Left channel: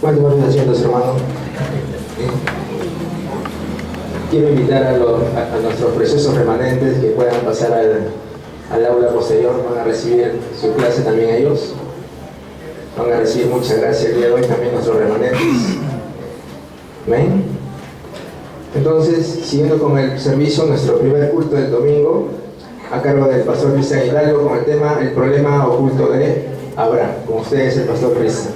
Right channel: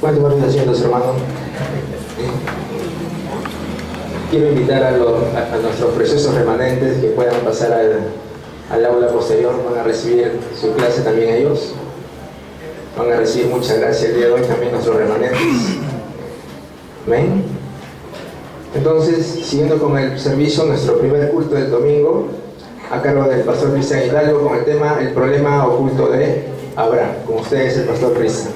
¿Cuántos van asientos, hermano? Quiero invitar a nuestros preciosos remanentes que puedan pasar al aula posterior. Van a recibir su clase también ellos. Van a recibir mucha gracia el día de hoy también nuestros remanentes. Amén. Entonces, siguiendo con el servicio, nuestro primer culto del domingo, a cargo del pastor Cristian Hidalgo, con el tema El problema oculto de Abraham. Con ustedes el pastor Cristian.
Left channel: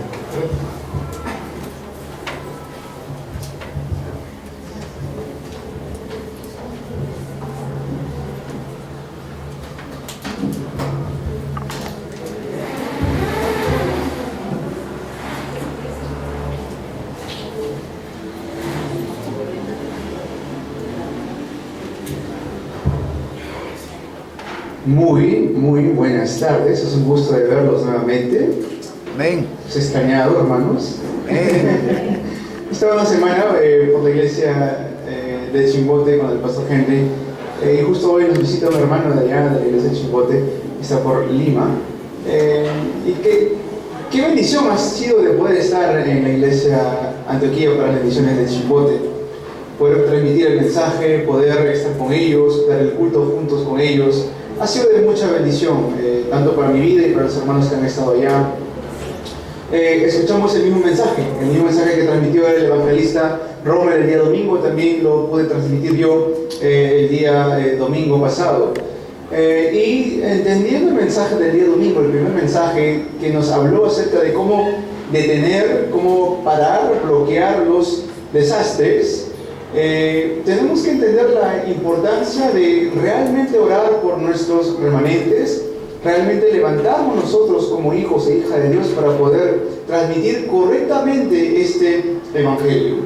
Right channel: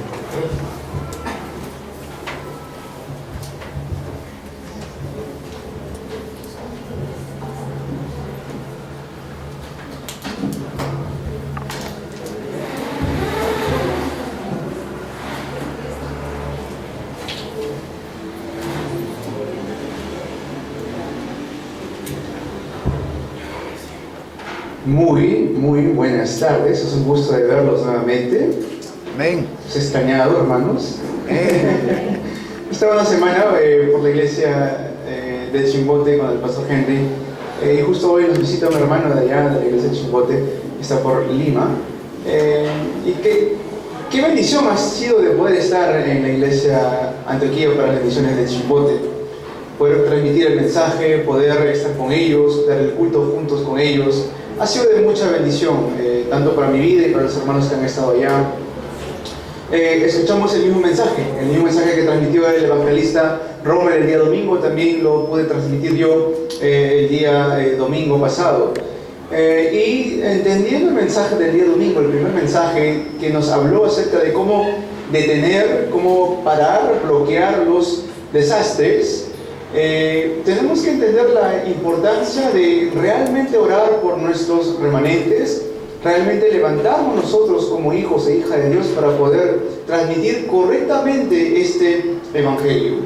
Muy buenas tardes, es un gusto de verlos nuevamente. Amén. ¿Se ha extrañado, hermanos? Estaba una semana por la iglesia de Chimbote con el pastor Henry, y justo hoy nos visita un hermano de allá, de la iglesia de Chimbote, que está por Lima. Y qué bendición ha sido de poder estar en la iglesia Antioquía para las bendiciones de Chimbote, poder transmitir el mensaje, poder estar con ellos, dar el culto juntos con ellos. Ha sido de mucha bendición, tanto para mi vida y para los hermanos que han estado allá. Escuchamos el mismo mensaje que transmitió el evangelista Romer el día domingo, también lo pude transmitir yo el día domingo pasado. Y entendiendo el mensaje del día domingo, el primer mensaje que nos habló acerca de cómo detener, cómo parar, bloquear los desastres, tenemos que entender la importancia de realmente orar por nuestros remanentes, realmente levantarnos nosotros como hijos e hijas de Dios para poder transmitir correctamente este evangelio.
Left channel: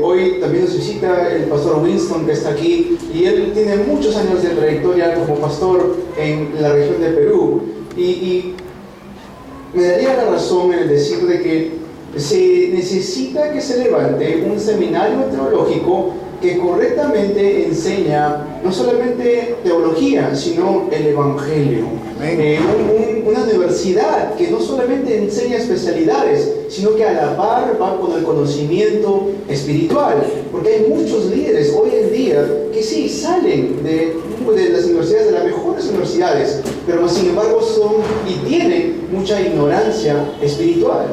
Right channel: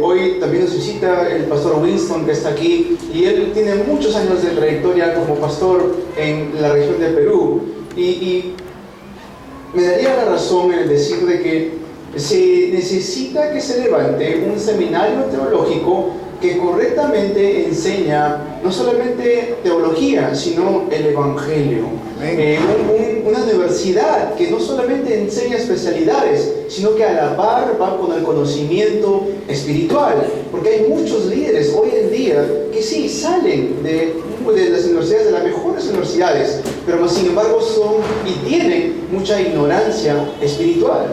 Hoy también nos visita el pastor Winston, que está aquí, y él tiene muchos años de trayectoria como pastor en la región de Perú, y me daría la razón en el decir de que se necesita que se levante un seminario teológico que correctamente enseña no solamente teología, sino el evangelio. Una universidad que no solamente enseña especialidades, sino que a la par va con el conocimiento espiritual, porque hay muchos líderes hoy en día que sí salen de las universidades, de las mejores universidades, pero sin embargo son y tienen mucha ignorancia espiritual.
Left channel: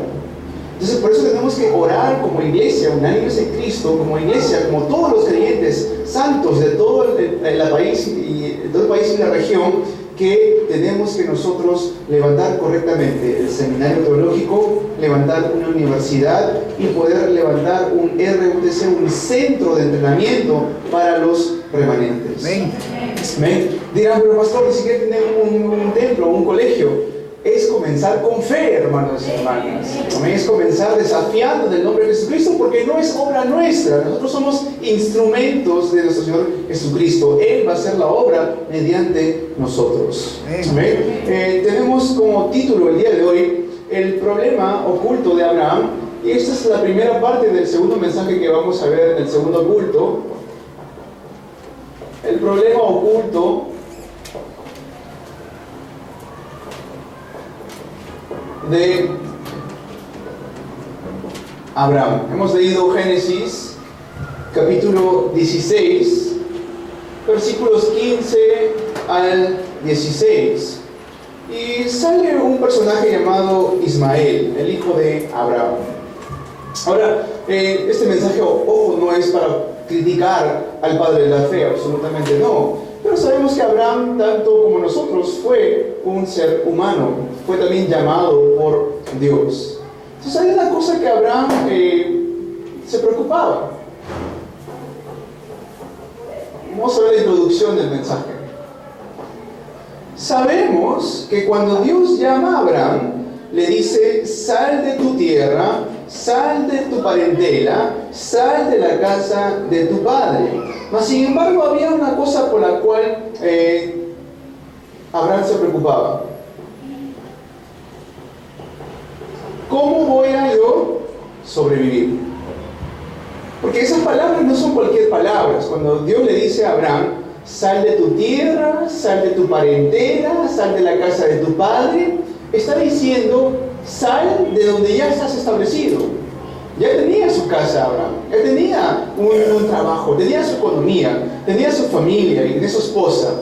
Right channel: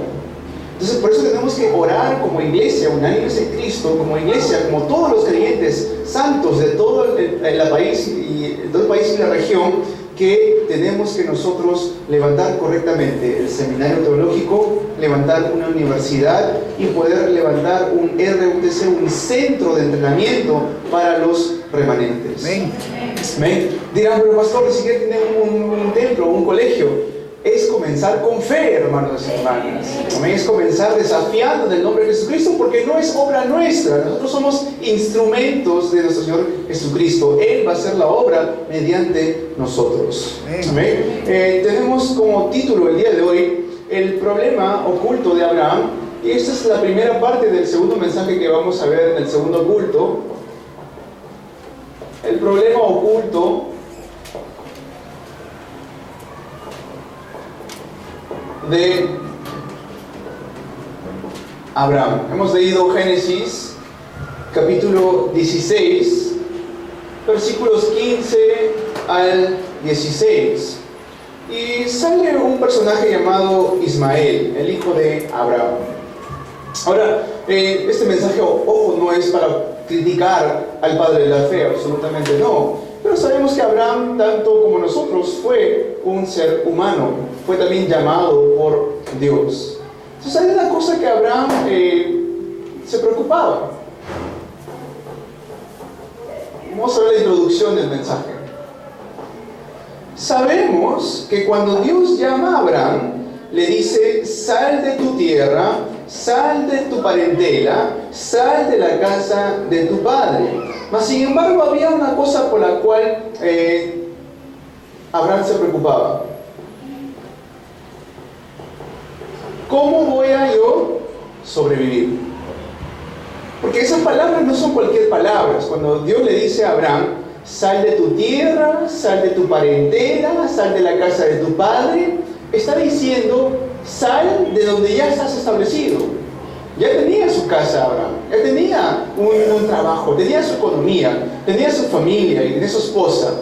Entonces, por eso tenemos que orar como iglesia, unánimes en Cristo, como iglesia, como todos los creyentes santos de todo el país y la región, que tenemos que nosotros levantar correctamente el seminario teológico, levantar una universidad y poder levantar un RUTC, un centro de entrenamiento para los remanentes. Amén. Dirán, pero pastor, ni siquiera tienen un templo, un colegio. Es comenzar con fe, hermanos y hermanas. Amén. Es comenzar desafiando en el nombre de Jesucristo, porque no es obra nuestra. Nosotros somos instrumentos de nuestro Señor Jesucristo. Él va a hacer la obra mediante nosotros. Amén. Tenemos como título el día de hoy el problema oculto de Abraham. Y esta es la primera parte del segundo mensaje que vamos a ver en el segundo culto. El problema oculto de Abraham. Hemos leído Génesis capítulo 16, versículos 15 al 16, y sale un personaje llamado Ismael, el hijo de Abraham. Ahora, este mensaje, ojo, no es para criticar al padre de la fe, absolutamente no. Pero sabemos que Abraham, tanto como nosotros, fue un ser humano, fue también llamado por Dios. Entonces hay una cosa que Abraham se preocupaba. Vamos a ver la introducción del mensaje. Sabemos que cuando Dios llama a Abraham, le dice: sal de tu tierra, sal de tu parentela, sal de la casa de tu padre. Mas sin embargo había una cosa por la cual Abraham se preocupaba. ¿Cómo voy a yo sobrevivir? Porque esas palabras no son cualquier palabras. Cuando Dios le dice a Abraham: sal de tu tierra, sal de tu parentela, sal de la casa de tu padre, está diciendo: sal de donde ya estás establecido. Ya tenía su casa Abraham, ya tenía un trabajo, tenía su economía, tenía su familia y tenía su esposa.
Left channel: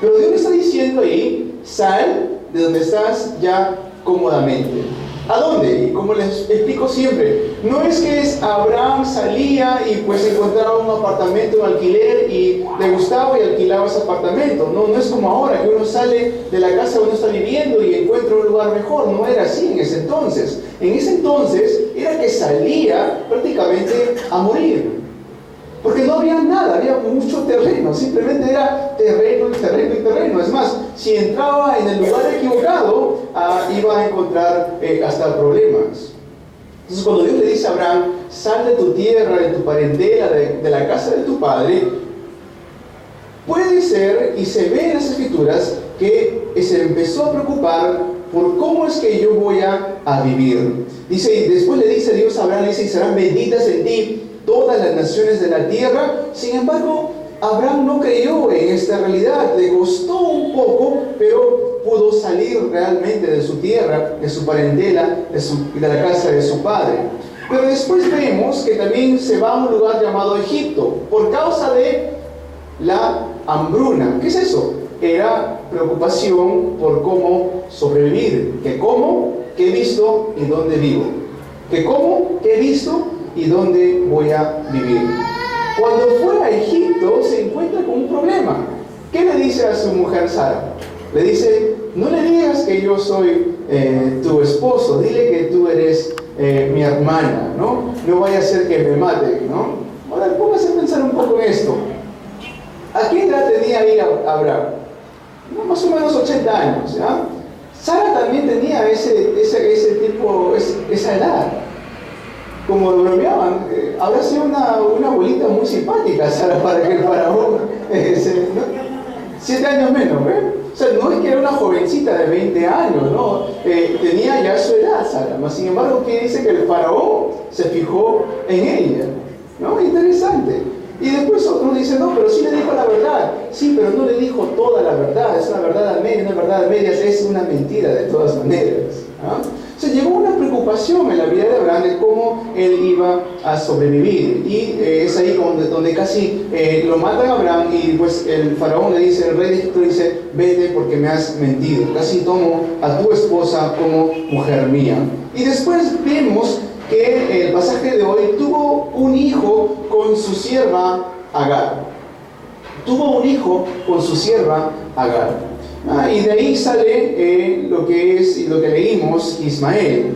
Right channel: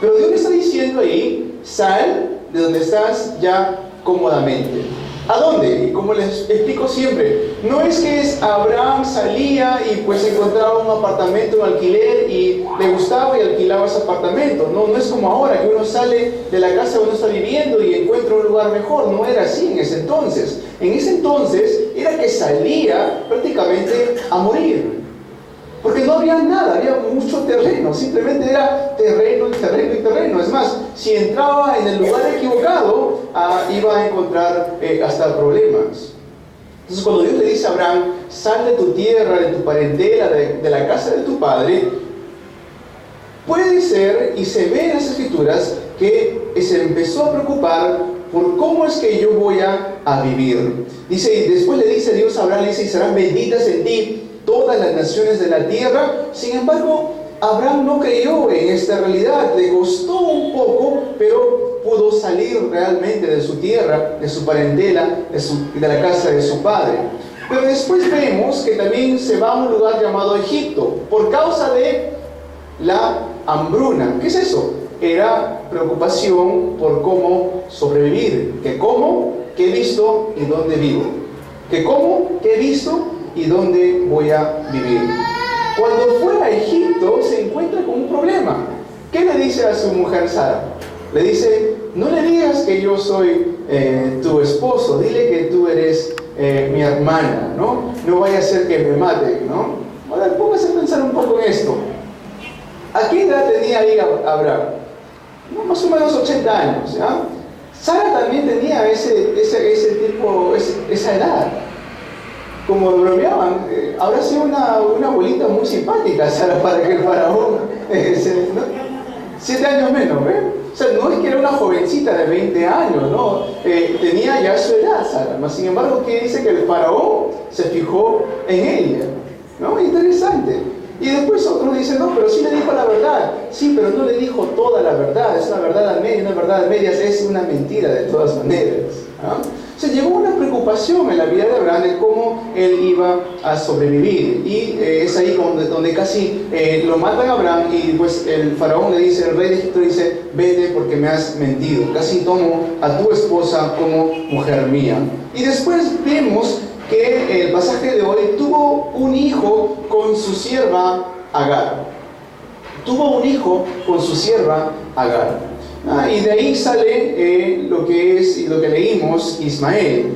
Pero Dios le está diciendo ahí, sal de donde estás ya cómodamente. ¿A dónde? Y como les explico siempre, no es que Abraham salía y pues encontraba un apartamento en alquiler y le gustaba y alquilaba ese apartamento. No, no es como ahora que uno sale de la casa donde uno está viviendo y encuentra un lugar mejor. No era así en ese entonces. En ese entonces era que salía prácticamente a morir. Porque no había nada, había mucho terreno, simplemente era terreno y terreno y terreno. Es más, si entraba en el lugar equivocado, iba a encontrar hasta problemas. Entonces cuando Dios le dice a Abraham, sal de tu tierra, de tu parentela, de la casa de tu padre, puede ser, y se ve en las escrituras, que se empezó a preocupar por cómo es que yo voy a vivir. Dice, y después le dice Dios a Abraham, le dice, y serán benditas en ti todas las naciones de la tierra. Sin embargo, Abraham no creyó en esta realidad, le costó un poco, pero pudo salir realmente de su tierra, de su parentela, de la casa de su padre. Pero después vemos que también se va a un lugar llamado Egipto, por causa de la hambruna. ¿Qué es eso? Era preocupación por cómo sobrevivir. ¿Qué como? ¿Qué he visto? ¿Y dónde vivo? ¿Qué como? ¿Qué he visto? ¿Y dónde voy a vivir? Cuando fue a Egipto se encuentra con un problema. ¿Qué le dice a su mujer Sara? Le dice, no le digas que yo soy tu esposo, dile que tú eres mi hermana, ¿no? No vaya a ser que me maten, ¿no? Ahora póngase a pensar un poco en esto. ¿A qué edad tenía ahí Abraham? No, más o menos 80 años, ¿ya? Sara también tenía esa edad. Como lo bromeaban, habrá sido una abuelita muy simpática, Sara, para que el faraón, 7 años menos, ¿ven? O sea, no es que era una jovencita de 20 años, ¿no? Tenía ya su edad, Sara, mas sin embargo, ¿qué dice? Que el faraón se fijó en ella, ¿no? Interesante. Y después otros dicen, no, pero sí le dijo la verdad. Sí, pero no le dijo toda la verdad, es una verdad a medias, una verdad a medias, es una mentira de todas maneras, ¿no? O sea, llegó una preocupación en la vida de Abraham de cómo él iba a sobrevivir. Y es ahí donde casi lo matan a Abraham y pues el faraón le dice, el rey de Egipto dice, vete porque me has mentido. Casi tomo a tu esposa como mujer mía. Y después vemos que el pasaje de hoy tuvo un hijo con su sierva Agar. Tuvo un hijo con su sierva Agar. Y de ahí sale lo que leímos, Ismael.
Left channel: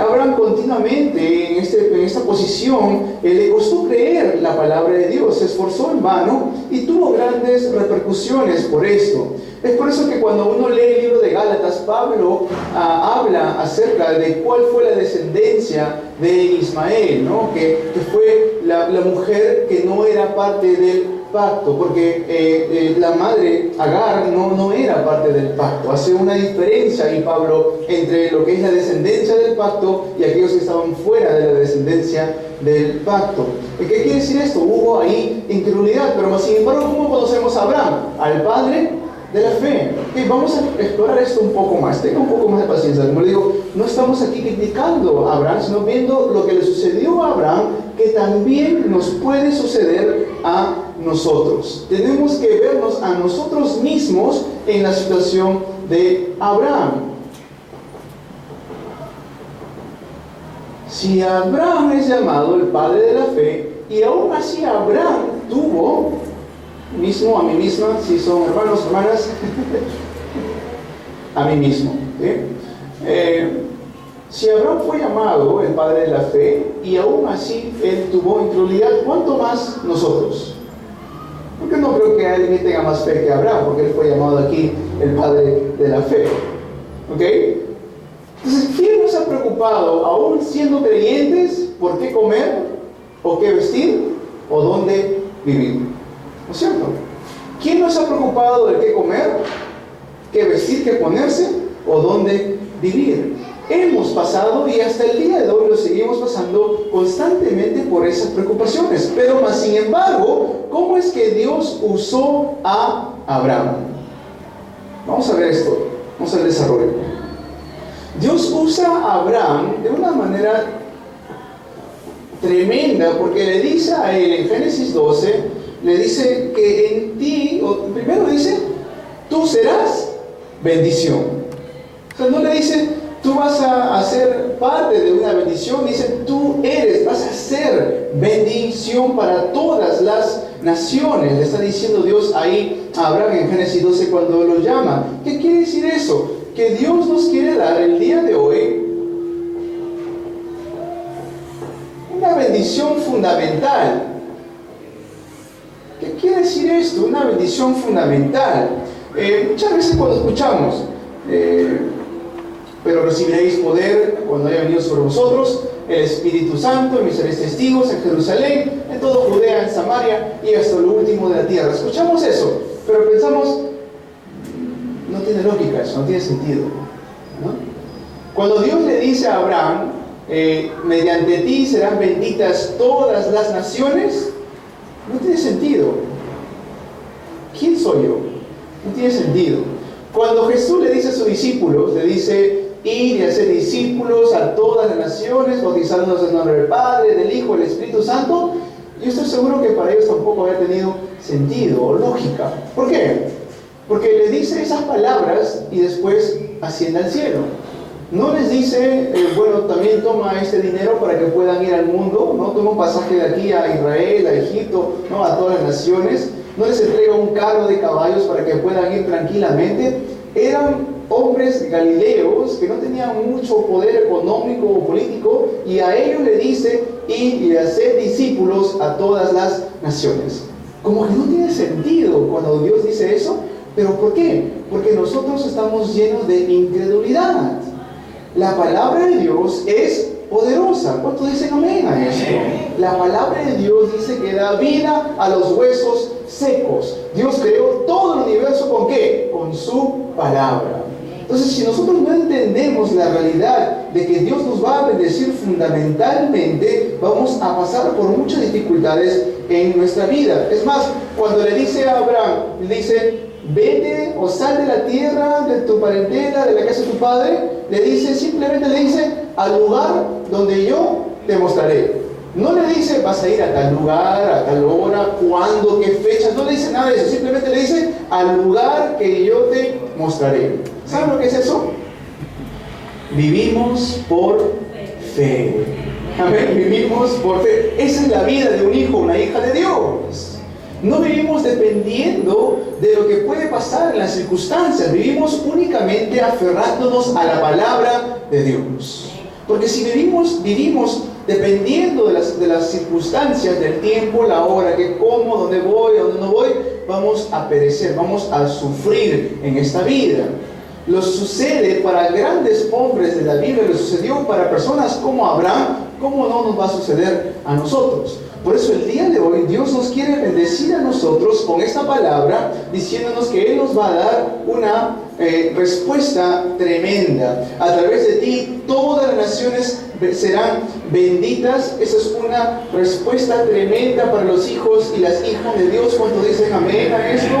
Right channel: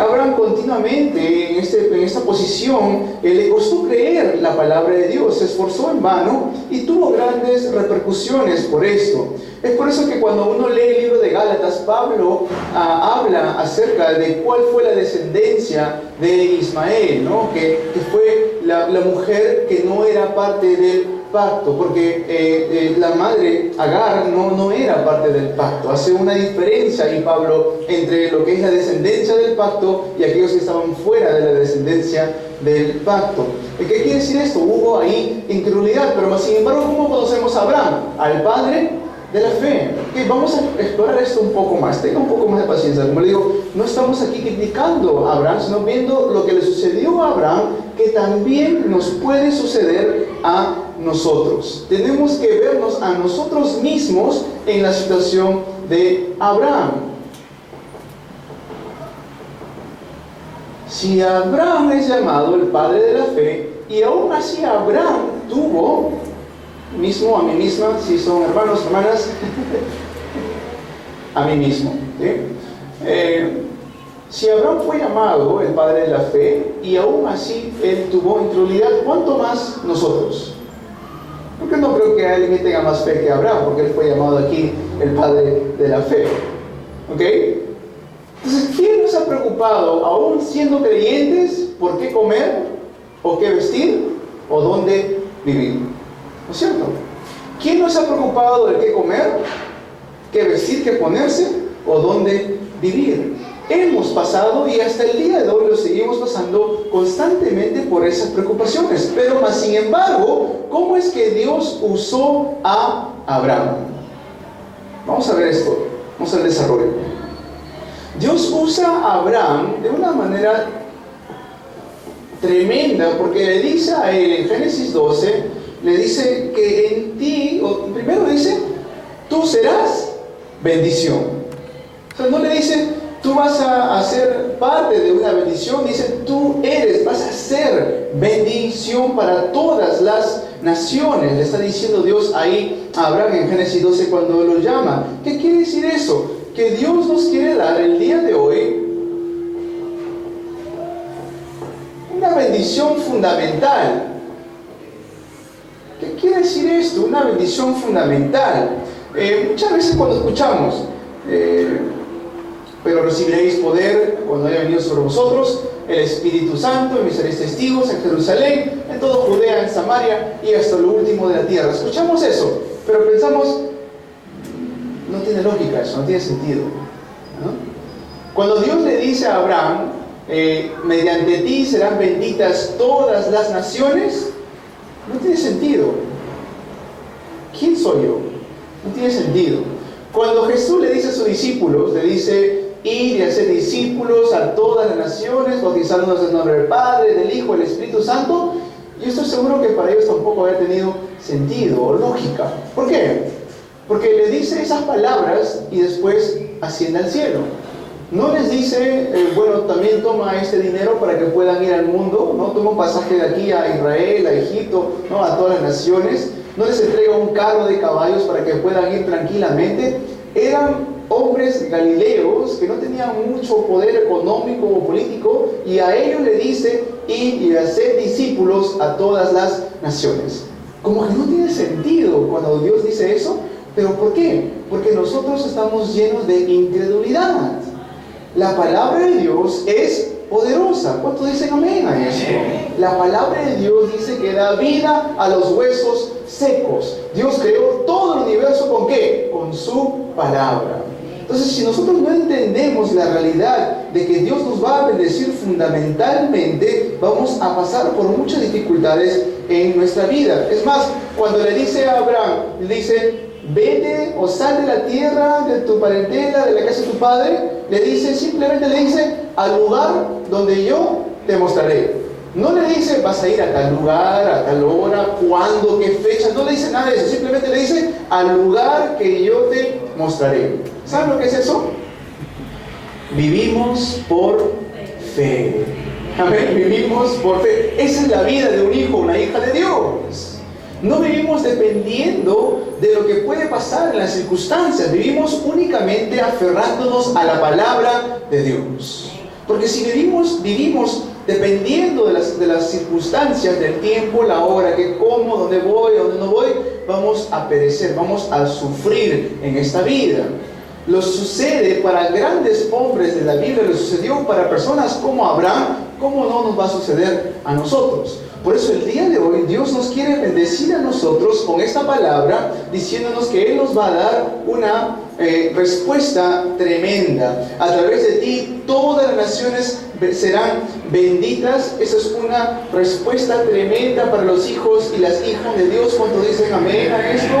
Abraham continuamente en esta posición le costó creer la palabra de Dios, se esforzó en vano y tuvo grandes repercusiones por esto. Es por eso que cuando uno lee el libro de Gálatas, Pablo habla acerca de cuál fue la descendencia de Ismael, ¿no? que fue la mujer que no era parte del pacto, porque la madre Agar no era parte del pacto. Hace una diferencia ahí Pablo entre lo que es la descendencia del pacto y aquellos que estaban fuera de la descendencia del pacto. ¿Qué quiere decir esto? Hubo ahí incredulidad, pero sin embargo, ¿cómo conocemos a Abraham? Al padre de la fe. Okay, vamos a explorar esto un poco más. Tenga un poco más de paciencia. Como le digo, no estamos aquí criticando a Abraham, sino viendo lo que le sucedió a Abraham, que también nos puede suceder a nosotros. Tenemos que vernos a nosotros mismos en la situación de Abraham. Si Abraham es llamado el padre de la fe, y aún así Abraham tuvo mismo, a mí misma, si son hermanos, hermanas, a mí mismo, ¿sí? Si Abraham fue llamado el padre de la fe y aún así él tuvo incredulidad, ¿cuánto más nosotros? Porque no creo que alguien tenga más fe que Abraham, porque él fue llamado aquí el padre de la fe. ¿Ok? Entonces, ¿quién nos ha preocupado, aún siendo creyentes, por qué comer, o qué vestir, o dónde vivir? ¿No es cierto? ¿Quién nos ha preocupado de qué comer, qué vestir, qué ponerse, o dónde vivir? Hemos pasado y hasta el día de hoy lo seguimos pasando constantemente por esas preocupaciones. Pero más sin embargo, ¿cómo es que Dios usó a Abraham? Vamos a ver esto, vamos al desarrollo. Dios usa a Abraham de una manera tremenda, porque le dice a él en Génesis 12, le dice que en ti, o primero dice, tú serás bendición. O sea, no le dice, tú vas a ser parte de una bendición, dice, tú vas a ser bendición para todas las naciones. Le está diciendo Dios ahí a Abraham en Génesis 12 cuando lo llama. ¿Qué quiere decir eso? Que Dios nos quiere dar el día de hoy una bendición fundamental. ¿Qué quiere decir esto? Una bendición fundamental. Muchas veces cuando escuchamos, pero recibiréis poder cuando haya venido sobre vosotros el Espíritu Santo, y me seréis testigos en Jerusalén, en toda Judea, en Samaria y hasta lo último de la tierra. Escuchamos eso, pero pensamos, no tiene lógica eso, no tiene sentido, ¿no? Cuando Dios le dice a Abraham, mediante ti serán benditas todas las naciones, no tiene sentido. ¿Quién soy yo? No tiene sentido. Cuando Jesús le dice a sus discípulos, le dice, ir y hacer discípulos a todas las naciones, bautizándonos en el nombre del Padre, del Hijo, del Espíritu Santo, yo estoy seguro que para ellos tampoco había tenido sentido o lógica. ¿Por qué? Porque le dice esas palabras y después asciende al cielo. No les dice, bueno, también toma este dinero para que puedan ir al mundo, ¿no? Toma un pasaje de aquí a Israel, a Egipto, ¿no? A todas las naciones. No les entrega un carro de caballos para que puedan ir tranquilamente. Eran hombres galileos que no tenían mucho poder económico o político, y a ellos le dice, ir y hacer discípulos a todas las naciones. Como que no tiene sentido cuando Dios dice eso. ¿Pero por qué? Porque nosotros estamos llenos de incredulidad. La palabra de Dios es poderosa. ¿Cuántos dicen amén a esto? La palabra de Dios dice que da vida a los huesos secos. Dios creó todo el universo ¿con qué? Con su palabra. Entonces, si nosotros no entendemos la realidad de que Dios nos va a bendecir fundamentalmente, vamos a pasar por muchas dificultades en nuestra vida. Es más, cuando le dice a Abraham, le dice, vete o sal de la tierra, de tu parentela, de la casa de tu padre, le dice, simplemente le dice, al lugar donde yo te mostraré. No le dice, vas a ir a tal lugar, a tal hora, cuándo, qué fecha, no le dice nada de eso, simplemente le dice, al lugar que yo te mostraré. ¿Saben lo que es eso? Vivimos por fe. Amén, vivimos por fe. Esa es la vida de un hijo, una hija de Dios. No vivimos dependiendo de lo que puede pasar en las circunstancias. Vivimos únicamente aferrándonos a la palabra de Dios. Porque si vivimos dependiendo de las circunstancias, del tiempo, la hora, que como, dónde voy, dónde no voy, vamos a perecer, vamos a sufrir en esta vida. Lo sucede para grandes hombres de la Biblia, lo sucedió para personas como Abraham. ¿Cómo no nos va a suceder a nosotros? Por eso el día de hoy Dios nos quiere bendecir a nosotros con esta palabra, diciéndonos que Él nos va a dar una respuesta tremenda. A través de ti todas las naciones serán benditas. Esa es una respuesta tremenda para los hijos y las hijas de Dios. ¿Cuántos dicen amén a esto?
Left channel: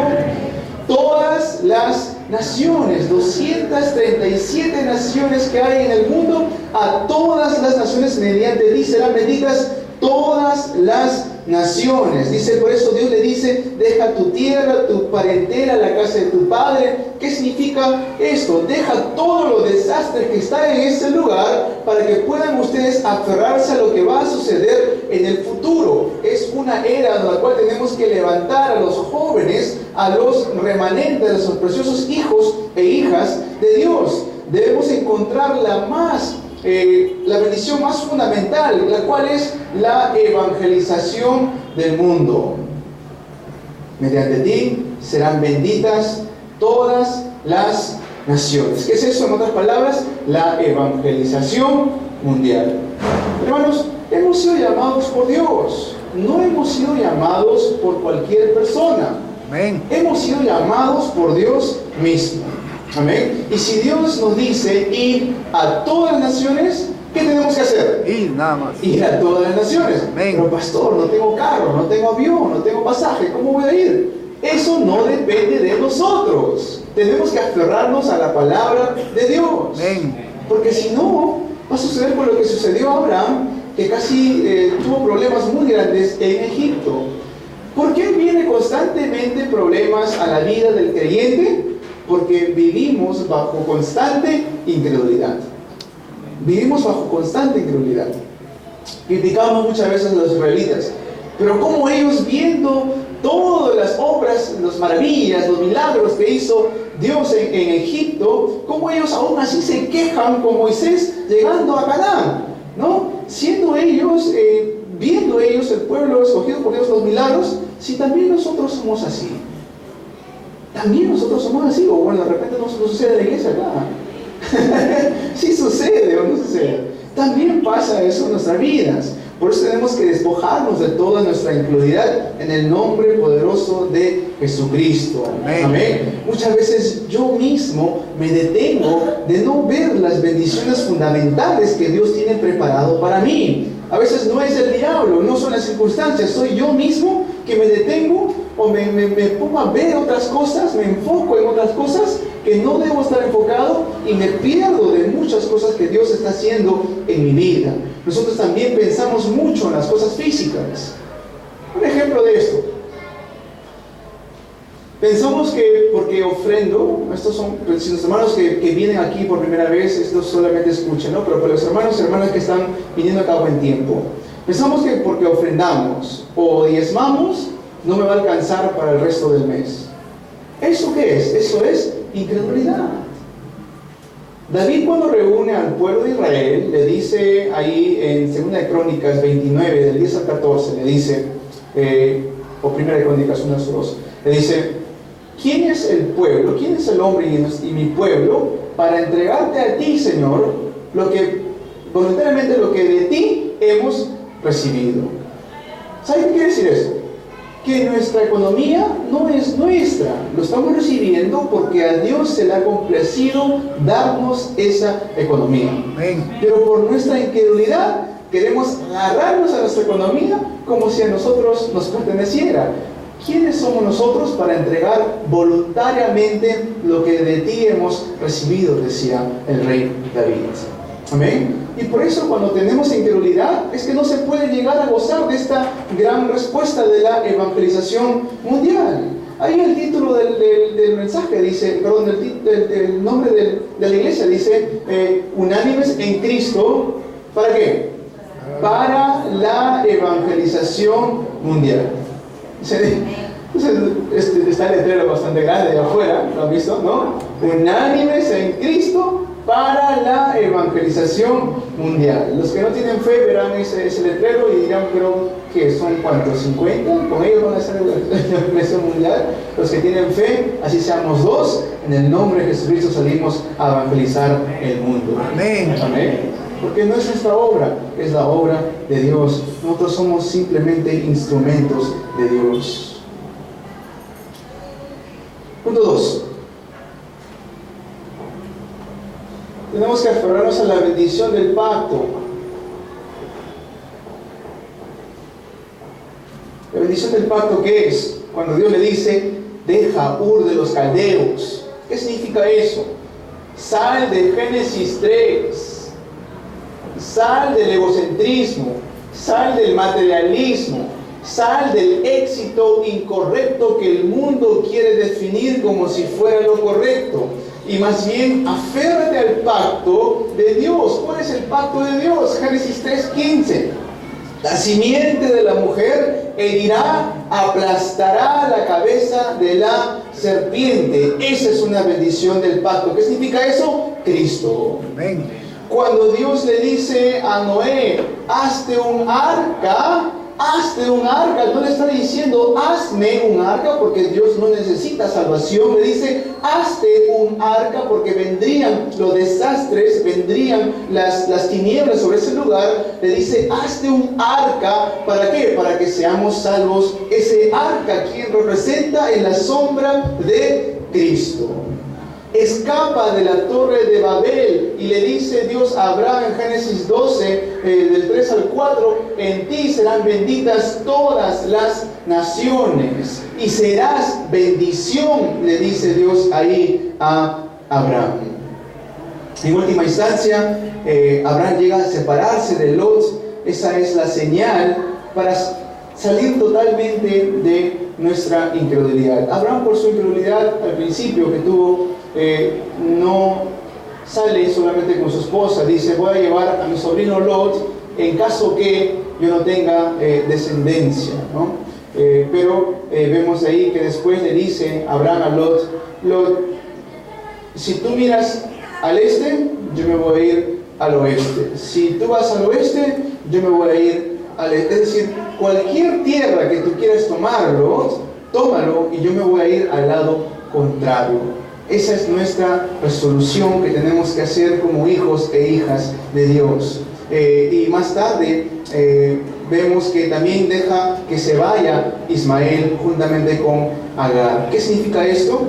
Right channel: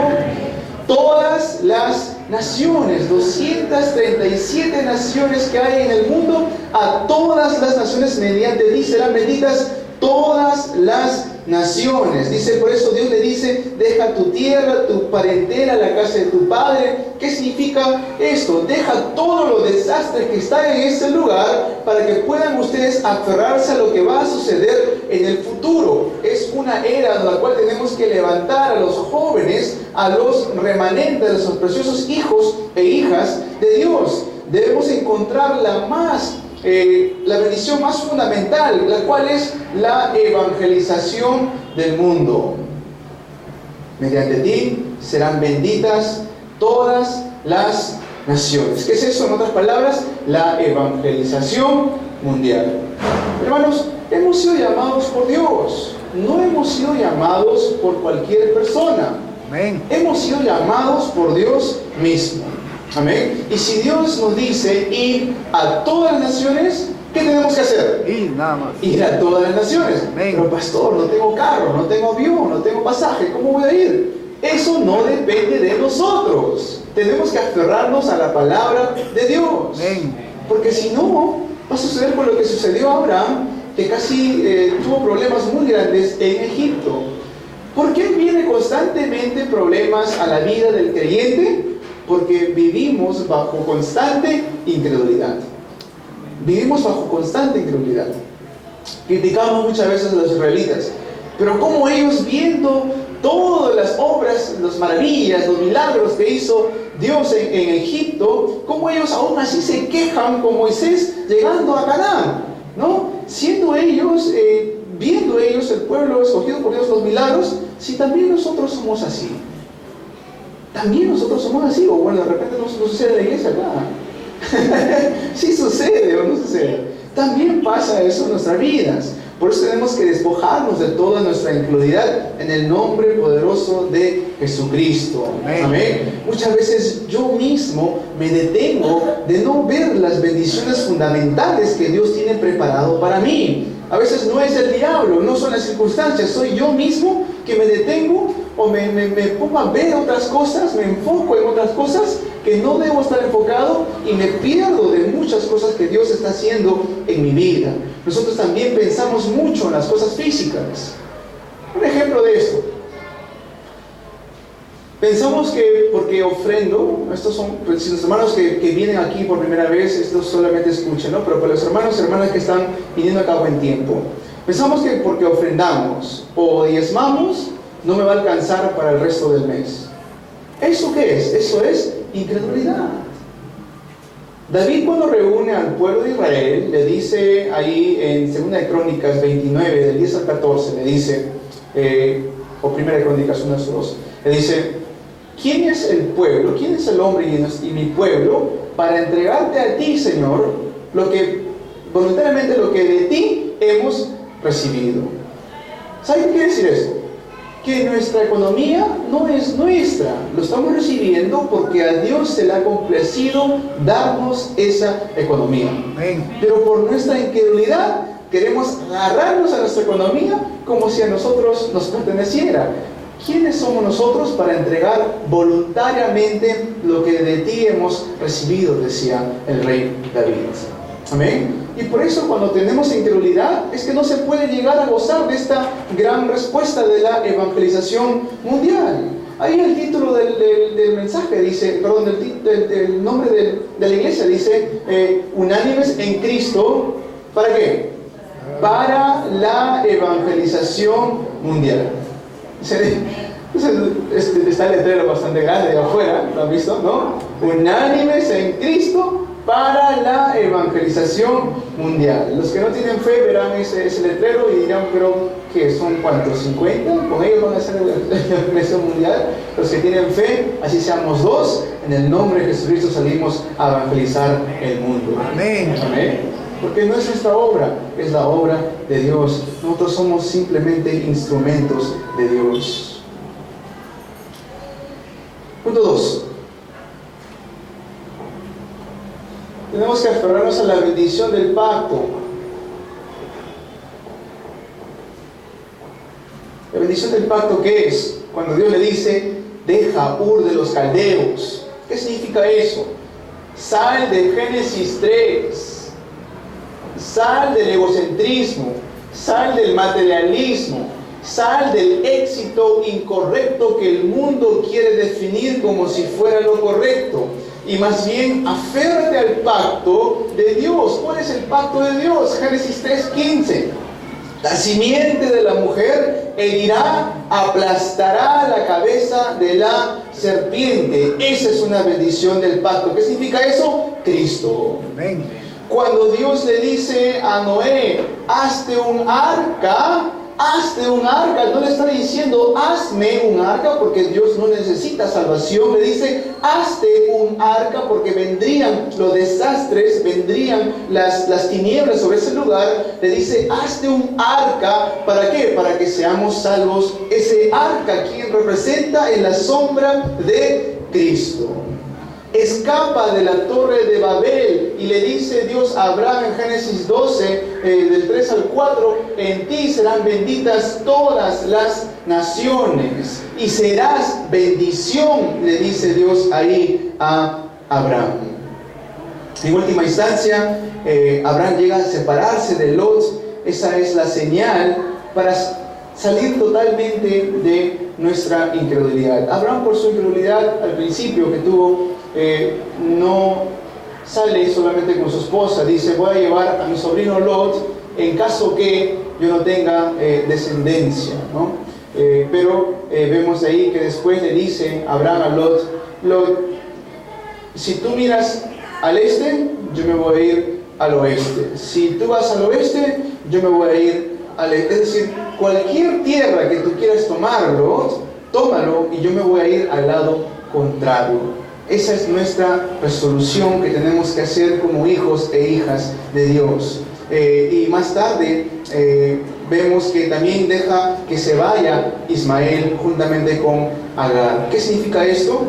Todas las naciones, 237 naciones que hay en el mundo, a todas las naciones mediante ti serán benditas todas las naciones. Dice, por eso Dios le dice, deja tu tierra, tu parentela, la casa de tu padre. ¿Qué significa esto? Deja todos los desastres que están en ese lugar para que puedan ustedes aferrarse a lo que va a suceder en el futuro. Es una era en la cual tenemos que levantar a los jóvenes, a los remanentes, a esos preciosos hijos e hijas de Dios. Debemos encontrar la bendición más fundamental, la cual es la evangelización del mundo. Mediante ti serán benditas todas las naciones. ¿Qué es eso? En otras palabras, la evangelización mundial. Hermanos, hemos sido llamados por Dios. No hemos sido llamados por cualquier persona. Amén. Hemos sido llamados por Dios mismo. Amén. Y si Dios nos dice ir a todas las naciones, ¿qué tenemos que hacer? Ir nada más. Ir a todas las naciones. Amén. Pero pastor, no tengo carro, no tengo avión, no tengo pasaje, ¿cómo voy a ir? Eso no depende de nosotros. Tenemos que aferrarnos a la palabra de Dios. Amén. Porque si no, va a suceder con lo que sucedió a Abraham, que casi tuvo problemas muy grandes en Egipto. ¿Por qué vienen constantemente problemas a la vida del creyente? Porque vivimos bajo constante incredulidad. Vivimos bajo constante incredulidad. Criticamos muchas veces a los israelitas, pero como ellos, viendo todas las obras, las maravillas, los milagros que hizo Dios en Egipto, como ellos aún así se quejan con Moisés llegando a Canaán, ¿no? Siendo ellos, viendo ellos el pueblo escogido por Dios, los milagros, si también nosotros somos así. También nosotros somos así, o bueno, de repente no sucede en la iglesia acá. Sí sucede o no sucede. También pasa eso en nuestras vidas. Por eso tenemos que despojarnos de toda nuestra incredulidad en el nombre poderoso de Jesucristo. Amén. Amén. Muchas veces yo mismo me detengo de no ver las bendiciones fundamentales que Dios tiene preparado para mí. A veces no es el diablo, no son las circunstancias, soy yo mismo que me detengo o me pongo a ver otras cosas, me enfoco en otras cosas que no debo estar enfocado y me pierdo de muchas cosas que Dios está haciendo en mi vida. Nosotros también pensamos mucho en las cosas físicas. Un ejemplo de esto. Pensamos que porque ofrendo, estos son, si los hermanos que vienen aquí por primera vez, estos solamente escuchen, ¿no? Pero para los hermanos y hermanas que están viniendo acá buen tiempo, pensamos que porque ofrendamos o diezmamos, no me va a alcanzar para el resto del mes. ¿Eso qué es? Eso es incredulidad. David, cuando reúne al pueblo de Israel, le dice ahí en 2 Crónicas 29, del 10 al 14, le dice, o 1 Crónicas 1 al 2, le dice: ¿quién es el pueblo? ¿Quién es el hombre y mi pueblo para entregarte a ti, Señor, lo que voluntariamente lo que de ti hemos recibido? ¿Sabe qué quiere decir eso? Que nuestra economía no es nuestra, lo estamos recibiendo porque a Dios se le ha complacido darnos esa economía. Amén. Pero por nuestra incredulidad queremos agarrarnos a nuestra economía como si a nosotros nos perteneciera. ¿Quiénes somos nosotros para entregar voluntariamente lo que de ti hemos recibido?, decía el rey David. Amén. Y por eso, cuando tenemos incredulidad, es que no se puede llegar a gozar de esta gran respuesta de la evangelización mundial. Ahí el título del mensaje dice, perdón, el nombre de la iglesia dice, unánimes en Cristo, ¿para qué? Para la evangelización mundial. Está el letrero bastante grande de afuera, ¿lo han visto? ¿No? Unánimes en Cristo para la evangelización mundial. Los que no tienen fe verán ese letrero y dirán, pero ¿qué son? ¿Cuántos? ¿50? ¿Con ellos van a hacer la evangelización mundial? Los que tienen fe, así seamos 2, en el nombre de Jesucristo salimos a evangelizar el mundo. Amén. Amén. Porque no es nuestra obra, es la obra de Dios. Nosotros somos simplemente instrumentos de Dios. Punto 2. Tenemos que aferrarnos a la bendición del pacto. La bendición del pacto, ¿qué es? Cuando Dios le dice, deja Ur de los caldeos. ¿Qué significa eso? Sal de Génesis 3. Sal del egocentrismo, sal del materialismo, sal del éxito incorrecto que el mundo quiere definir como si fuera lo correcto. Y más bien, aférrate al pacto de Dios. ¿Cuál es el pacto de Dios? Génesis 3:15. La simiente de la mujer herirá, aplastará la cabeza de la serpiente. Esa es una bendición del pacto. ¿Qué significa eso? Cristo. Amén. Cuando Dios le dice a Noé, hazte un arca, no le está diciendo, hazme un arca, porque Dios no necesita salvación. Le dice, hazte un arca, porque vendrían los desastres, vendrían las tinieblas sobre ese lugar. Le dice, hazte un arca, ¿para qué? Para que seamos salvos. Ese arca, quien representa en la sombra de Cristo. Escapa de la torre de Babel y le dice Dios a Abraham en Génesis 12, del 3 al 4, en ti serán benditas todas las naciones y serás bendición, le dice Dios ahí a Abraham. En última instancia, Abraham llega a separarse de Lot esa es la señal para salir totalmente de nuestra incredulidad. Abraham, por su incredulidad al principio que tuvo, no sale solamente con su esposa, dice: voy a llevar a mi sobrino Lot en caso que yo no tenga descendencia, ¿no? Pero vemos ahí que después le dice Abraham a Lot: Lot, si tú miras al este, yo me voy a ir al oeste. Si tú vas al oeste, yo me voy a ir al este. Es decir, cualquier tierra que tú quieras tomarlo, tómalo, y yo me voy a ir al lado contrario. Esa es nuestra resolución que tenemos que hacer como hijos e hijas de Dios. Y más tarde vemos que también deja que se vaya Ismael juntamente con Agar. ¿Qué significa esto?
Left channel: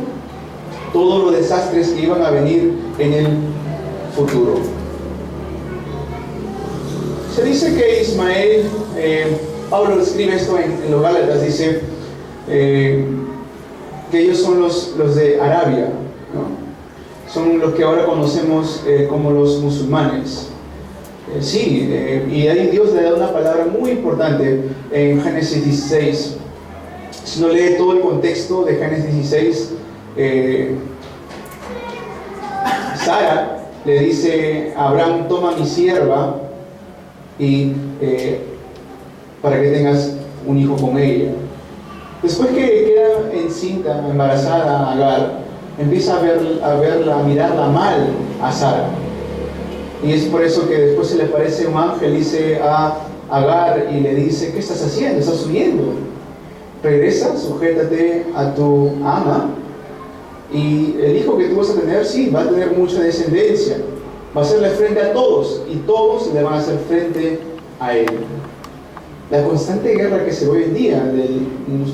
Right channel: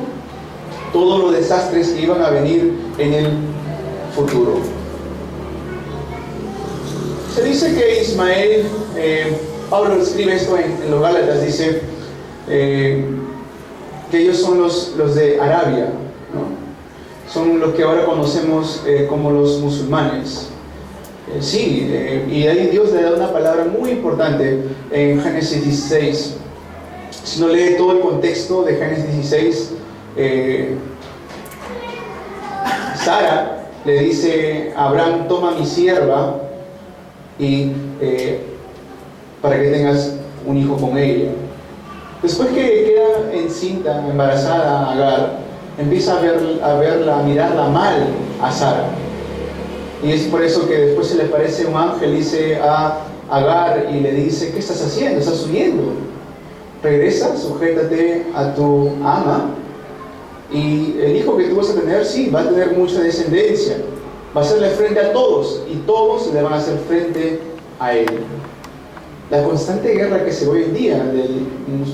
Todos los desastres que iban a venir en el futuro. Se dice que Ismael, Pablo escribe esto en los Gálatas, dice que ellos son los de Arabia, ¿no? Son los que ahora conocemos como los musulmanes. Sí, y ahí Dios le da una palabra muy importante en Génesis 16. Si no lee todo el contexto de Génesis 16, Sara le dice a Abraham: toma mi sierva y para que tengas un hijo con ella. Después que queda encinta, embarazada Agar, empieza a mirarla mal a Sara. Y es por eso que después se le aparece un ángel, dice a Agar y le dice: ¿qué estás haciendo? ¿Estás huyendo? Regresa, sujétate a tu ama, y el hijo que tú vas a tener, sí, va a tener mucha descendencia, va a hacerle frente a todos, y todos le van a hacer frente a él. La constante guerra que se ve hoy en día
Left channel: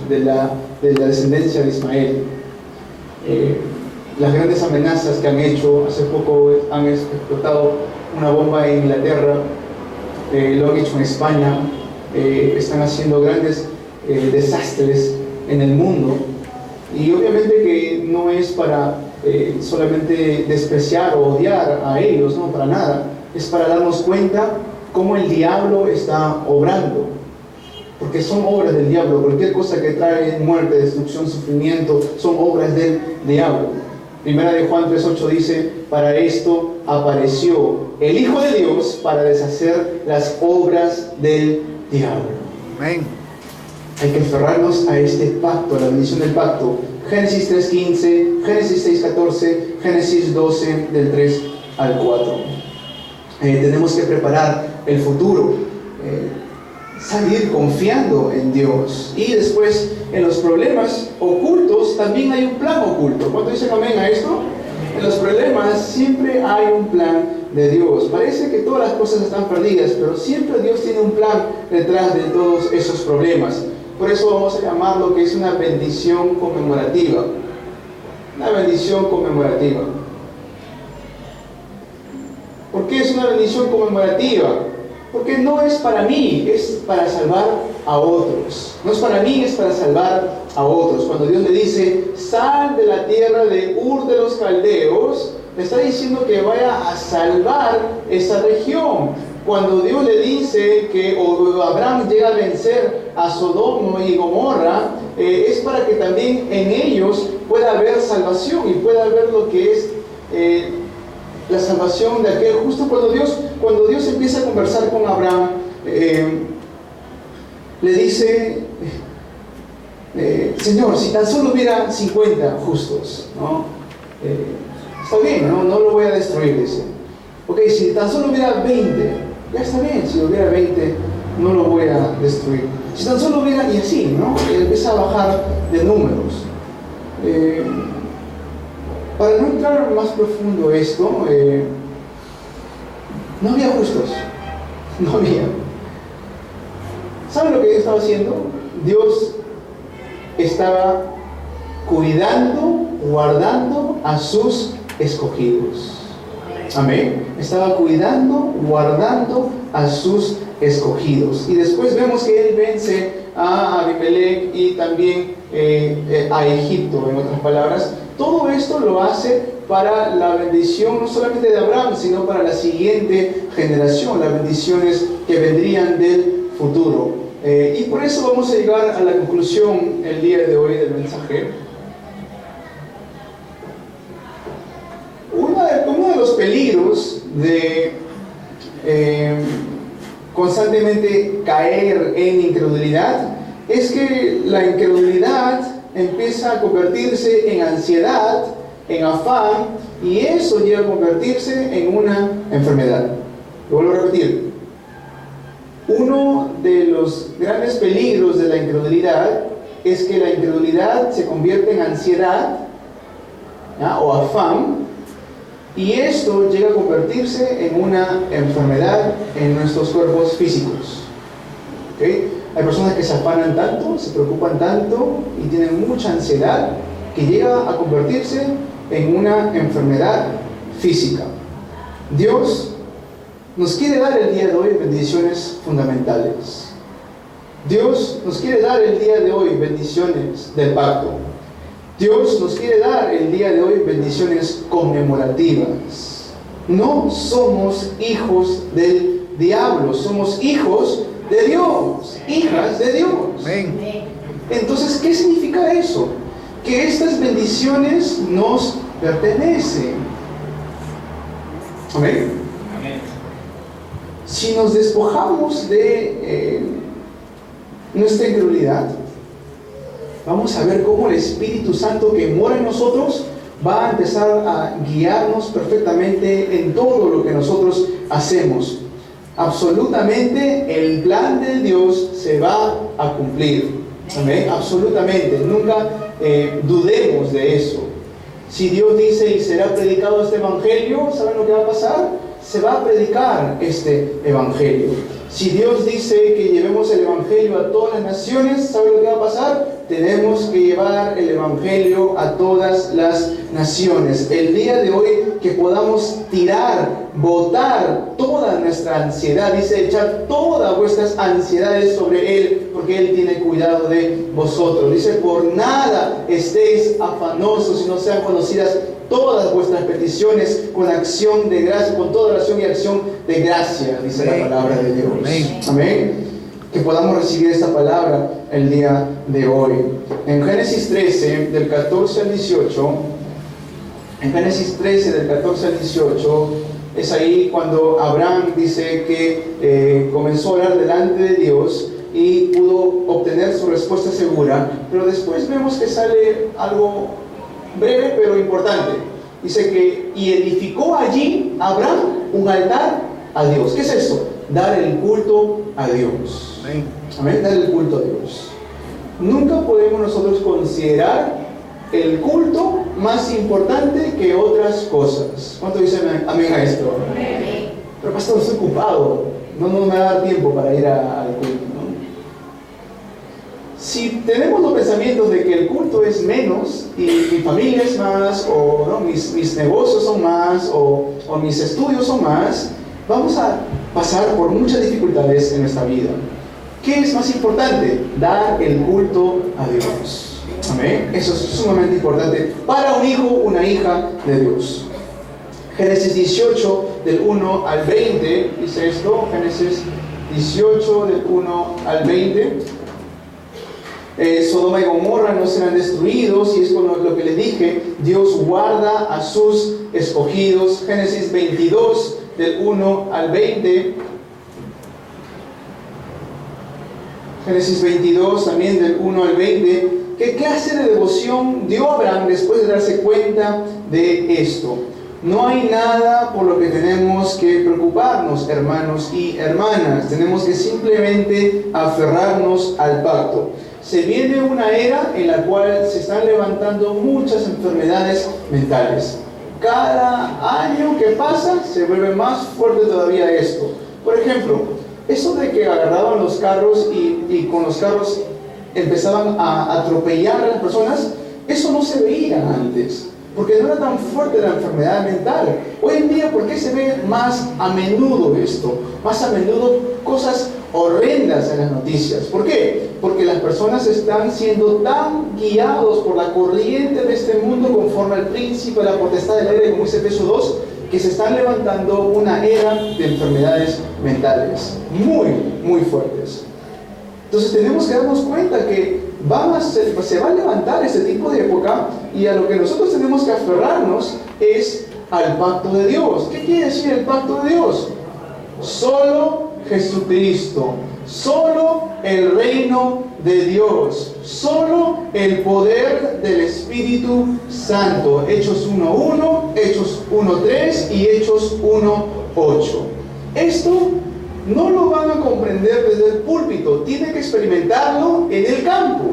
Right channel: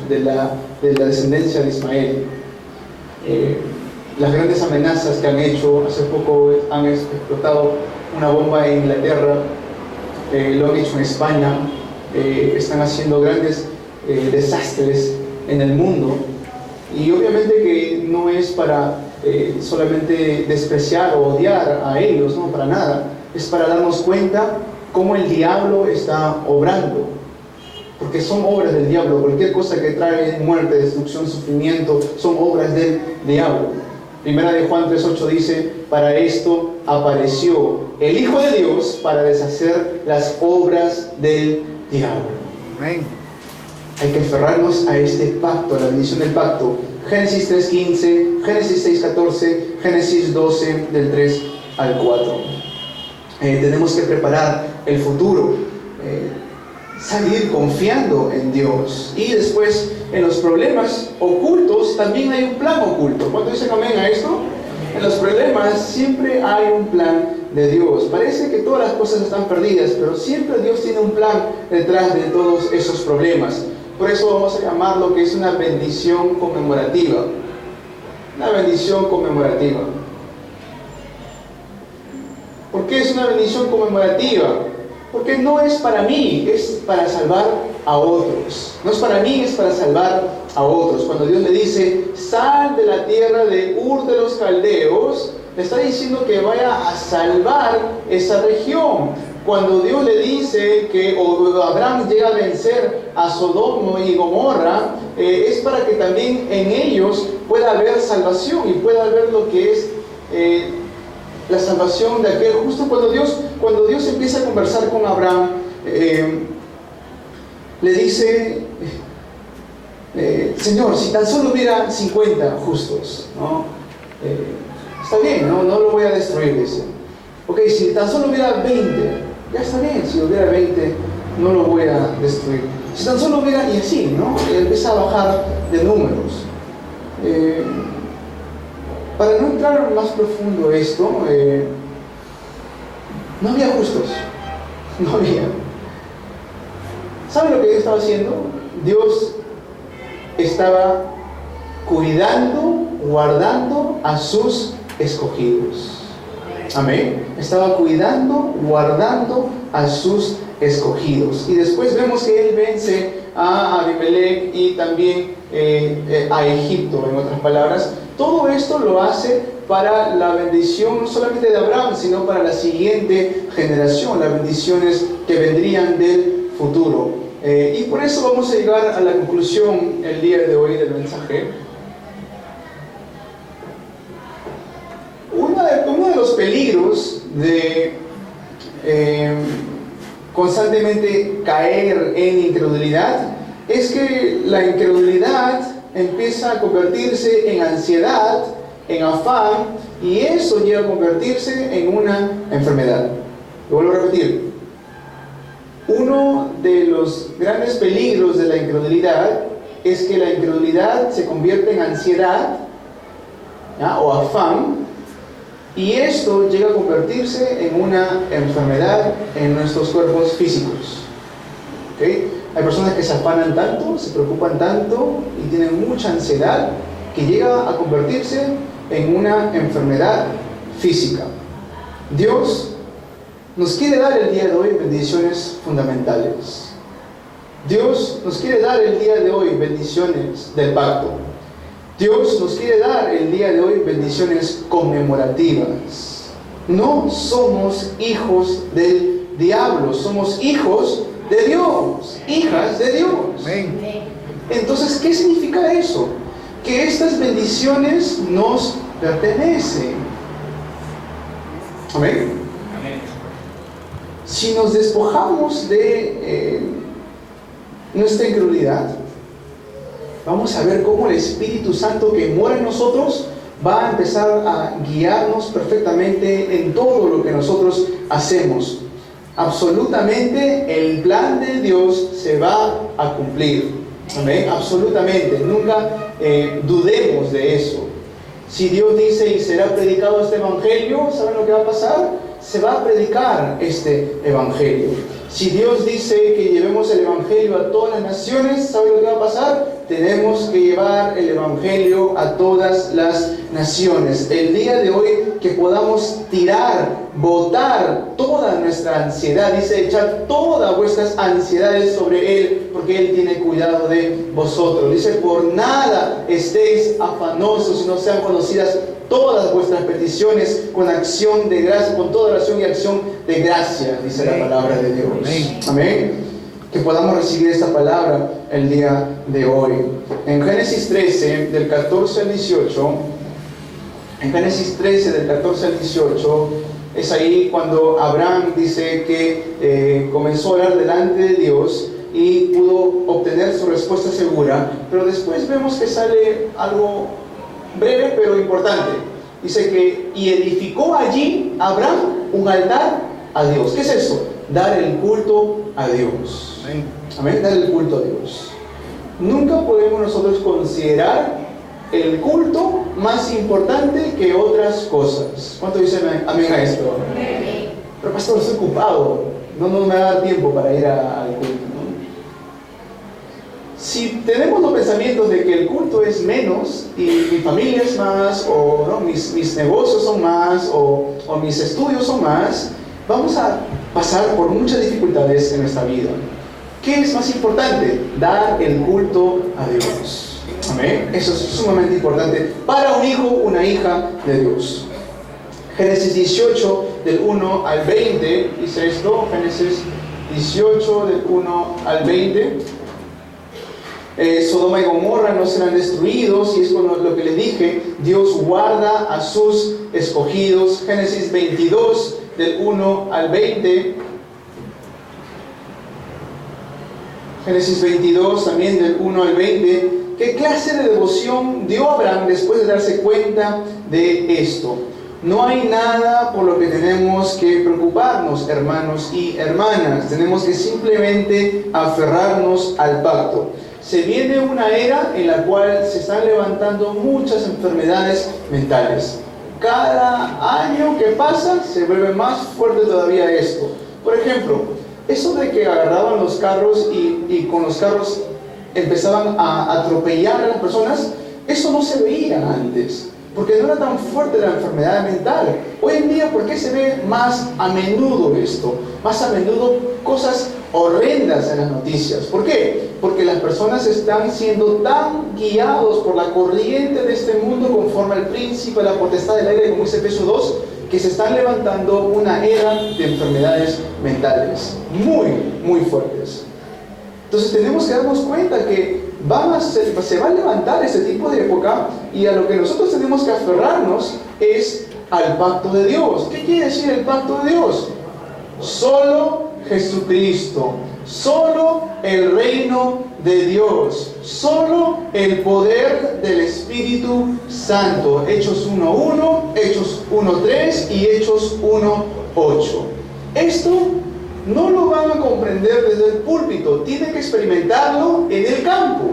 de la descendencia de Ismael, las grandes amenazas que han hecho. Hace poco han explotado una bomba en Inglaterra, lo han hecho en España, están haciendo grandes desastres en el mundo. Y obviamente que no es para solamente despreciar o odiar a ellos, no, para nada. Es para darnos cuenta cómo el diablo está obrando, porque son obras del diablo. Cualquier cosa que trae muerte, destrucción, sufrimiento, son obras del diablo. Primera de Juan 3:8 dice: para esto apareció el Hijo de Dios, para deshacer las obras del diablo. Amén. Hay que aferrarnos a este pacto, a la bendición del pacto. Génesis 3:15, Génesis 6:14, Génesis 12, del 3 al 4. Tenemos que preparar el futuro, salir confiando en Dios. Y después, en los problemas ocultos, también hay un plan oculto. ¿Cuánto dicen amén a esto? En los problemas siempre hay un plan de Dios. Parece que todas las cosas están perdidas, pero siempre Dios tiene un plan detrás de todos esos problemas. Por eso vamos a llamarlo que es una bendición conmemorativa. Una bendición conmemorativa. ¿Por qué es una bendición conmemorativa? Porque no es para mí, es para salvar a otros. No es para mí, es para salvar a otros. Cuando Dios le dice: sal de la tierra de Ur de los Caldeos, le está diciendo que vaya a salvar esa región. Cuando Dios le dice que Abraham llega a vencer a Sodoma y Gomorra, es para que también en ellos pueda haber salvación y pueda haber lo que es la salvación de aquel. Justo cuando Dios empieza a conversar con Abraham, le dice: Señor, si tan solo hubiera 50 justos, ¿no? Está bien, no lo voy a destruir, dice. Ok, si tan solo hubiera 20, ya está bien, si hubiera 20, no lo voy a destruir. Si tan solo hubiera, y así, ¿no? Empieza a bajar de números. Para no entrar más profundo esto, no había justos, no había. ¿Saben lo que Dios estaba haciendo? Dios estaba cuidando, guardando a sus escogidos. Amén. Estaba cuidando, guardando a sus escogidos. Y después vemos que Él vence a Abimelech y también a Egipto, en otras palabras. Todo esto lo hace para la bendición no solamente de Abraham, sino para la siguiente generación, las bendiciones que vendrían del futuro. Y por eso vamos a llegar a la conclusión el día de hoy del mensaje. Uno de los peligros de constantemente caer en incredulidad es que la incredulidad empieza a convertirse en ansiedad, en afán, y eso llega a convertirse en una enfermedad. Lo vuelvo a repetir. Uno de los grandes peligros de la incredulidad es que la incredulidad se convierte en ansiedad, ¿ya?, o afán, y esto llega a convertirse en una enfermedad en nuestros cuerpos físicos. ¿Okay? Hay personas que se afanan tanto, se preocupan tanto y tienen mucha ansiedad que llega a convertirse en una enfermedad física. Dios nos quiere dar el día de hoy bendiciones fundamentales. Dios nos quiere dar el día de hoy bendiciones del pacto. Dios nos quiere dar el día de hoy bendiciones conmemorativas. No somos hijos del diablo, somos hijos de Dios, hijas de Dios. Amén. Entonces, ¿qué significa eso? Que estas bendiciones nos pertenecen. Amén. Si nos despojamos de nuestra incredulidad, vamos a ver cómo el Espíritu Santo que mora en nosotros va a empezar a guiarnos perfectamente en todo lo que nosotros hacemos. Absolutamente el plan de Dios se va a cumplir. Amén. Absolutamente. Nunca dudemos de eso. Si Dios dice y será predicado este evangelio, ¿saben lo que va a pasar? Se va a predicar este evangelio. Si Dios dice que llevemos el evangelio a todas las naciones, ¿saben lo que va a pasar? Tenemos que llevar el evangelio a todas las naciones. El día de hoy que podamos botar toda nuestra ansiedad, dice, echar todas vuestras ansiedades sobre Él, porque Él tiene cuidado de vosotros. Dice, por nada estéis afanosos, sino sean conocidas todas vuestras peticiones con acción de gracia, con toda oración y acción de gracia, dice la palabra de Dios. Amén. Amén. Que podamos recibir esta palabra el día de hoy. En Génesis 13, del 14 al 18, en Génesis 13, del 14 al 18, es ahí cuando Abraham dice que comenzó a orar delante de Dios y pudo obtener su respuesta segura, pero después vemos que sale algo breve pero importante. Dice que y edificó allí Abraham un altar a Dios. ¿Qué es eso? Dar el culto a Dios. Amén. Amén, dar el culto a Dios. Nunca podemos nosotros considerar el culto más importante que otras cosas. ¿Cuánto dicen amén a esto? Amén. Pero pastor, estoy ocupado, no me va a dar tiempo para ir al culto, ¿no? Si tenemos los pensamientos de que el culto es menos y mi familia es más, o ¿no? mis negocios son más, o mis estudios son más, vamos a pasar por muchas dificultades en nuestra vida. ¿Qué es más importante? Dar el culto a Dios. Amén. Eso es sumamente importante para un hijo, una hija de Dios. Génesis 18, del 1 al 20, dice esto. Génesis 18, del 1 al 20. Sodoma y Gomorra no serán destruidos, y es con lo que les dije, Dios guarda a sus escogidos. Génesis 22, del 1 al 20. Génesis 22, también del 1 al 20. ¿Qué clase de devoción dio Abraham después de darse cuenta de esto? No hay nada por lo que tenemos que preocuparnos, hermanos y hermanas. Tenemos que simplemente aferrarnos al pacto. Se viene una era en la cual se están levantando muchas enfermedades mentales. Cada año que pasa se vuelve más fuerte todavía esto. Por ejemplo, eso de que agarraban los carros y con los carros empezaban a atropellar a las personas, eso no se veía antes. porque no era tan fuerte la enfermedad mental. Hoy en día, ¿por qué se ve más a menudo esto? Más a menudo cosas horrendas en las noticias. ¿Por qué? Porque las personas están siendo tan guiados por la corriente de este mundo conforme al príncipe, la potestad del aire, como dice Efesios 2, que se están levantando una era de enfermedades mentales muy fuertes. Entonces tenemos que darnos cuenta que se va a levantar este tipo de época, y a lo que nosotros tenemos que aferrarnos es al pacto de Dios. ¿Qué quiere decir el pacto de Dios? Solo Jesucristo, solo el reino de Dios, solo el poder del Espíritu Santo. Hechos 1:1, Hechos 1:3 y Hechos 1:8. Esto no lo van a comprender desde el púlpito, tienen que experimentarlo en el campo.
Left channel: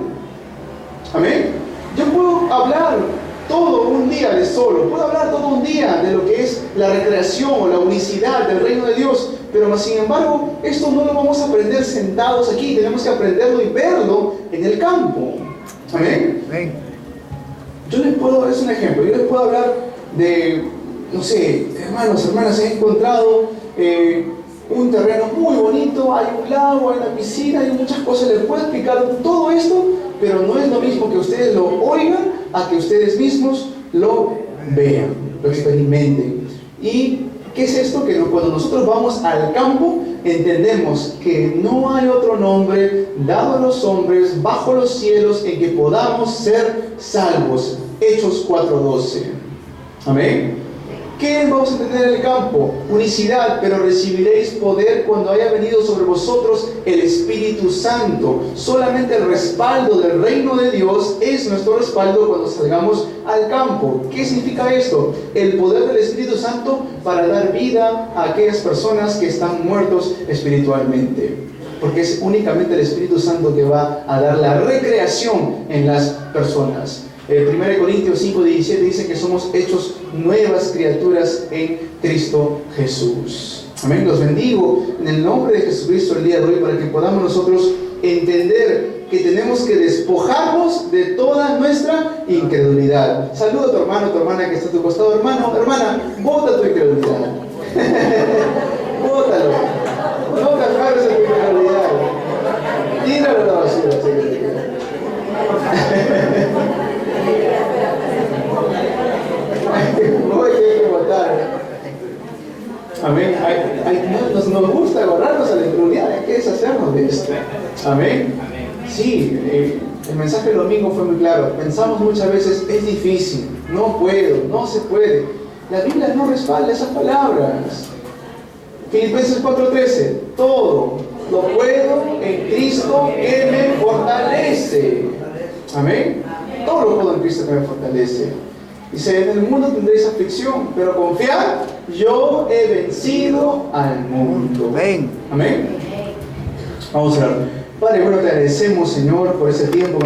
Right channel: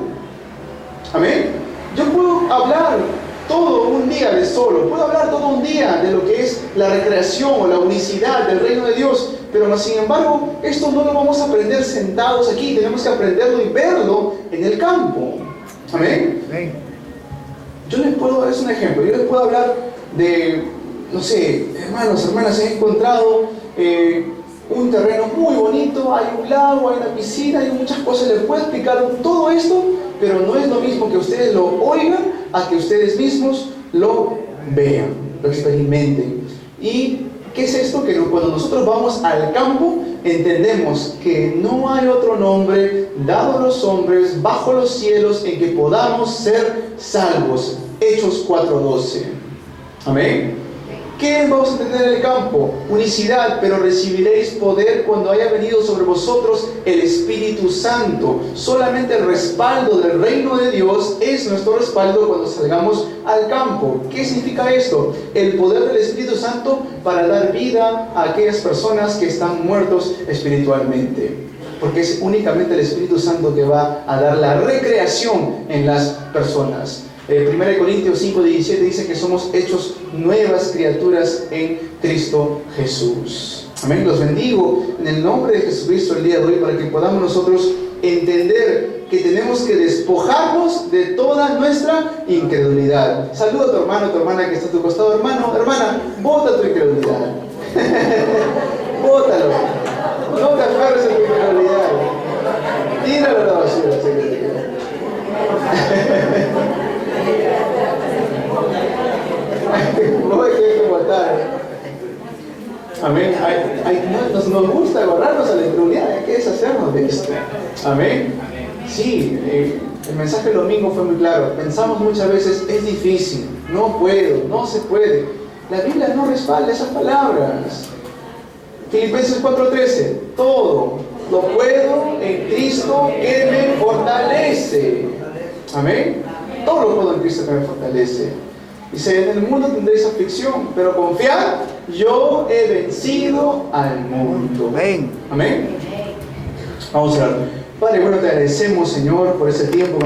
Amén. Yo puedo hablar todo un día de solo, puedo hablar todo un día de lo que es la recreación o la unicidad del reino de Dios, pero sin embargo, esto no lo vamos a aprender sentados aquí, tenemos que aprenderlo y verlo en el campo. Amén. Yo les puedo, es un ejemplo, yo les puedo hablar de, no sé, hermanos, hermanas, he encontrado un terreno muy bonito, hay un lago, hay una piscina, hay muchas cosas, les puedo explicar todo esto, pero no es lo mismo que ustedes lo oigan a que ustedes mismos lo vean, lo experimenten. ¿Y qué es esto? Que cuando nosotros vamos al campo, entendemos que no hay otro nombre dado a los hombres bajo los cielos en que podamos ser salvos. Hechos 4:12. Amén. ¿Qué vamos a entender en el campo? Unicidad, pero recibiréis poder cuando haya venido sobre vosotros el Espíritu Santo. Solamente el respaldo del reino de Dios es nuestro respaldo cuando salgamos al campo. ¿Qué significa esto? El poder del Espíritu Santo para dar vida a aquellas personas que están muertos espiritualmente. Porque es únicamente el Espíritu Santo que va a dar la recreación en las personas. 1 Corintios 5:17 dice que somos hechos nuevas criaturas en Cristo Jesús. Amén. Los bendigo en el nombre de Jesucristo el día de hoy para que podamos nosotros entender que tenemos que despojarnos de toda nuestra incredulidad. Saluda a tu hermano, a tu hermana que está a tu costado. Hermano, hermana, bota tu incredulidad. Bótalo. No te aferres a tu incredulidad. Tíralo a la basura. No hay que votar. Amén. Nos gusta agarrarnos a la incredulidad, hay que deshacernos de esto. Amén. Sí, el mensaje del domingo fue muy claro. Pensamos muchas veces, es difícil, no puedo, no se puede. La Biblia no respalda esas palabras. Filipenses 4:13, todo lo puedo en Cristo que me fortalece. Amén. Todo lo puedo en Cristo que me fortalece. Dice, en el mundo tendréis aflicción, pero confiad, yo he vencido al mundo. Amén. Amén. Vamos a orar. Padre, bueno, te agradecemos, Señor, por ese tiempo.